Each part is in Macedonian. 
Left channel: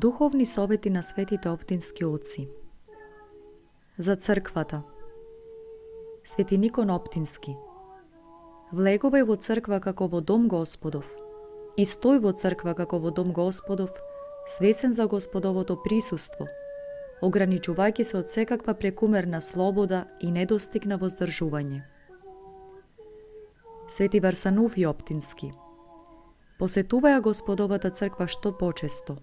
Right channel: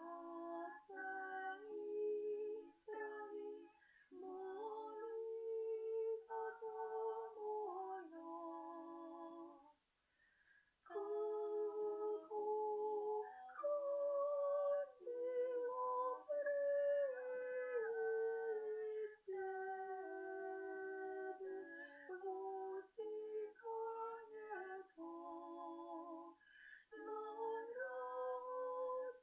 Духовни совети на светите оптински оци. За црквата. Свети Никон Оптински. Влегувај во црква како во дом Господов и стој во црква како во дом Господов, свесен за Господовото присуство, ограничувајќи се од секаква прекумерна слобода и недостиг на воздржување. Свети Варсануф и Оптински. Посетуваја Господовата црква што почесто.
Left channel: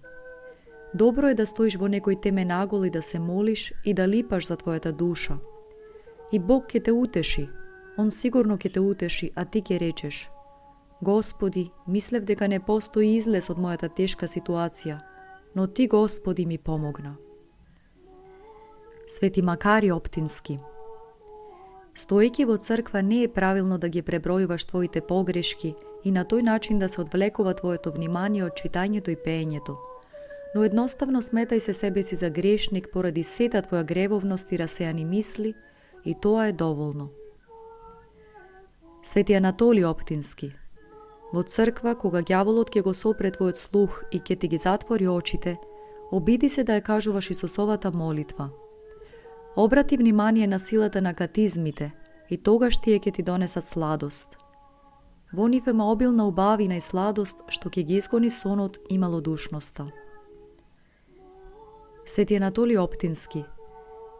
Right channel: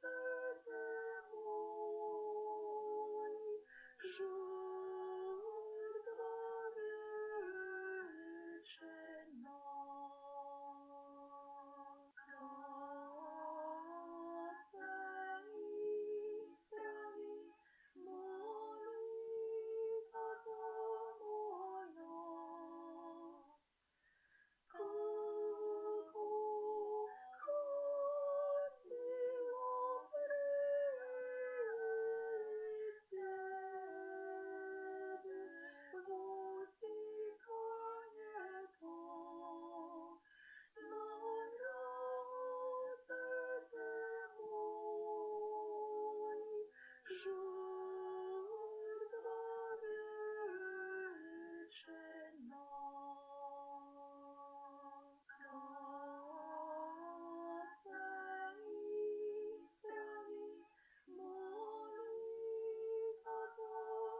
Добро е да стоиш во некој темен агол и да се молиш и да липаш за твојата душа. И Бог ќе те утеши, Он сигурно ќе те утеши, а ти ќе речеш: Господи, мислев дека не постои излез од мојата тешка ситуација, но Ти, Господи, ми помогна. Свети Макари Оптински. Стоејќи во црква не е правилно да ги пребројуваш твоите погрешки и на тој начин да се одвлекува твоето внимание од читањето и пеењето, но едноставно сметај се себе си за грешник поради сета твоја гревовност и расејани мисли, и тоа е доволно. Свети Анатолиј Оптински. Во црква, кога ѓаволот ќе го сопре твојот слух и ќе ти ги затвори очите, обиди се да ја кажуваш Исусовата молитва. Обрати внимание на силата на катизмите и тогаш тие ќе ти донесат сладост. Во нив има обилна убавина и сладост што ќе ги изгони сонот и малодушноста. Свети Анатолиј Оптински.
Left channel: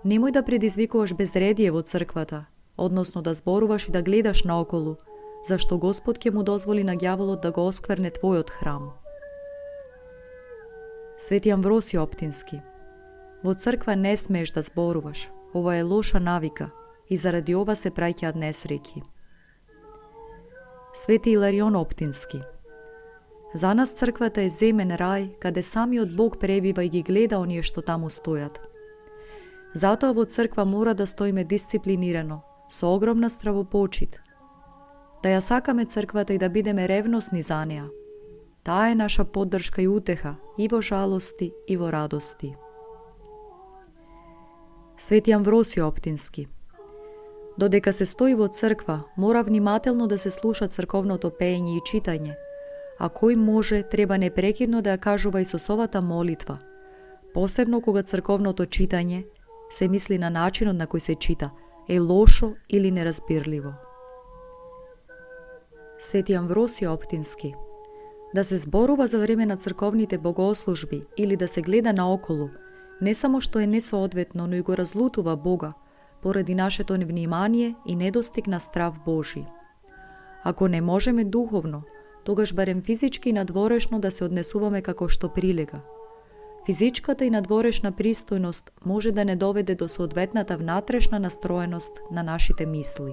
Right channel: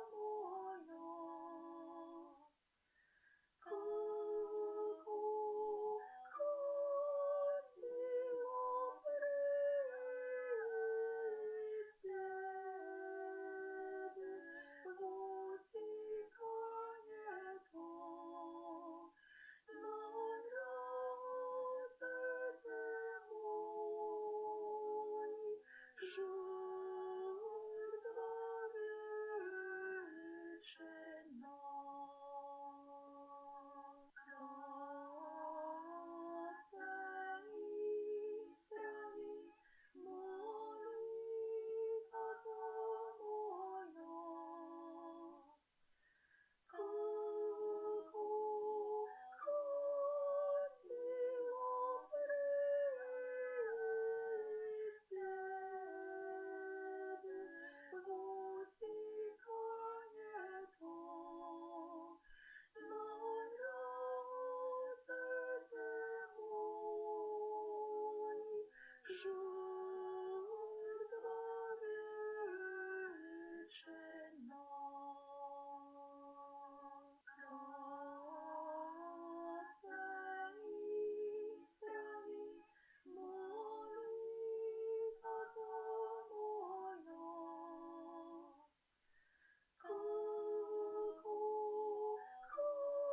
Немој да предизвикуваш безредие во црквата, односно да зборуваш и да гледаш наоколу, зашто Господ ќе му дозволи на ѓаволот да го оскверне твојот храм. Свети Амвросиј Оптински. Во црква не смееш да зборуваш, ова е лоша навика и заради ова се праќаат несреќи. Свети Иларион Оптински. За нас црквата е земен рај, каде самиот Бог пребива и ги гледа оние што таму стојат. Затоа во црква мора да стоиме дисциплинирано, со огромна стравопочит. Да ја сакаме црквата и да бидеме ревносни за неа. Таа е наша поддршка и утеха и во жалости и во радости. Свети Амвросиј Оптински. Додека се стои во црква, мора внимателно да се слуша црковното пеење и читање, а кој може треба непрекидно да ја кажува Исусовата молитва, посебно кога црковното читање, се мисли на начинот на кој се чита, е лошо или неразбирливо. Свети Амвросиј Оптински. Да се зборува за време на црковните богослужби или да се гледа наоколу, не само што е несоодветно, но и го разлутува Бога, поради нашето невнимание и недостиг на страв Божи. Ако не можеме духовно, тогаш барем физички и надворешно да се однесуваме како што прилега. Физичката и надворешна пристојност може да не доведе до соодветната внатрешна настроеност на нашите мисли.